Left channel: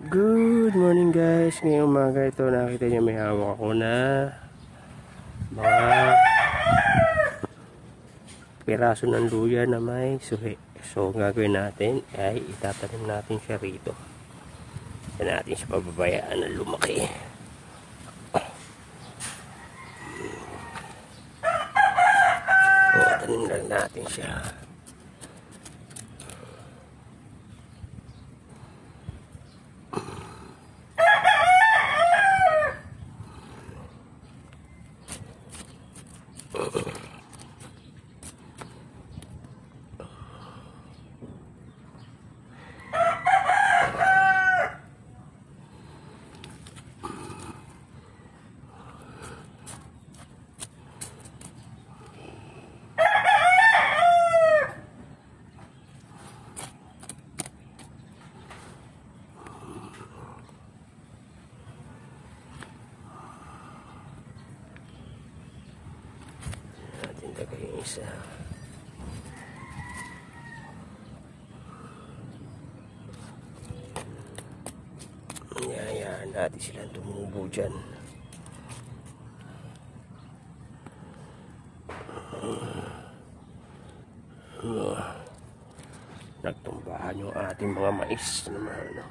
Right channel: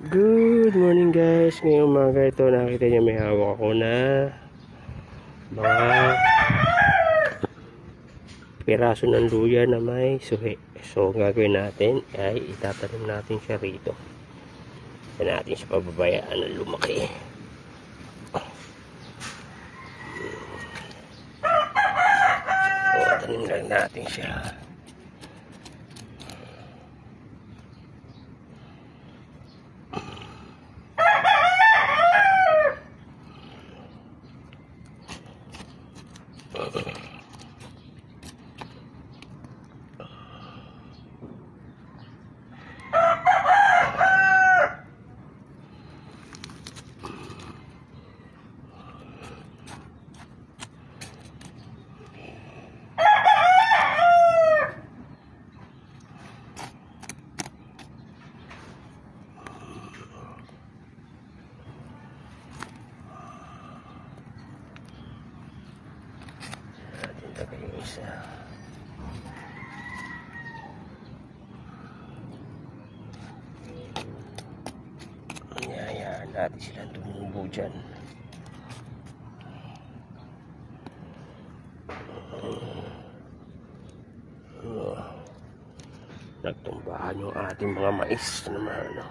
Good morning guys. Ngayong umaga ito nakita niyo may hawak ako na mga piraso ng luya na may suhi. So gagawin natin ay itatanim natin siya rito. Yan natin sa pababayaan na lumaki. So tanim lang natin siya. Isa. Hayaan natin silang tumubo dyan. Nagtumbahan yung ating mga mais naman, ano?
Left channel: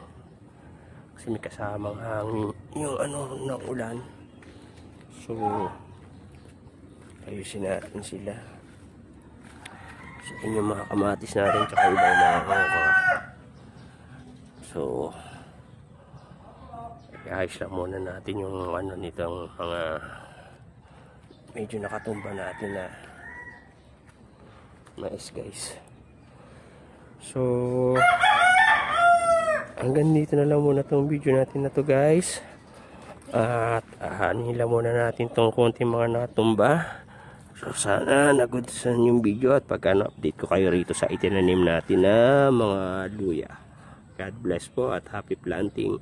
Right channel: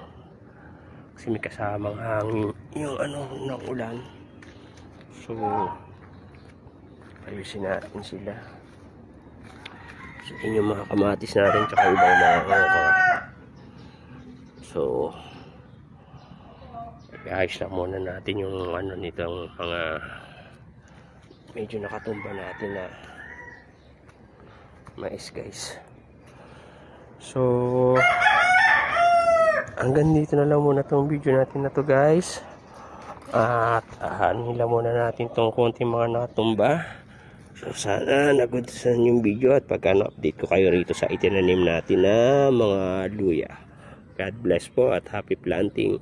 Kasi may kasamang hangin yung ng ulan. So ayusin natin sila. So yun yung mga kamatis natin tsaka ibang mga okra. So ayos lang muna natin yung nitong mga medyo nakatumba natin na mais guys. So hanggang dito na lang muna tong video natin na to guys. At nila muna natin tong konting mga natumba. So sana nagustuhan yung video at pagka na-update ko kayo rito sa itinanim natin na mga luya. God bless po at happy planting.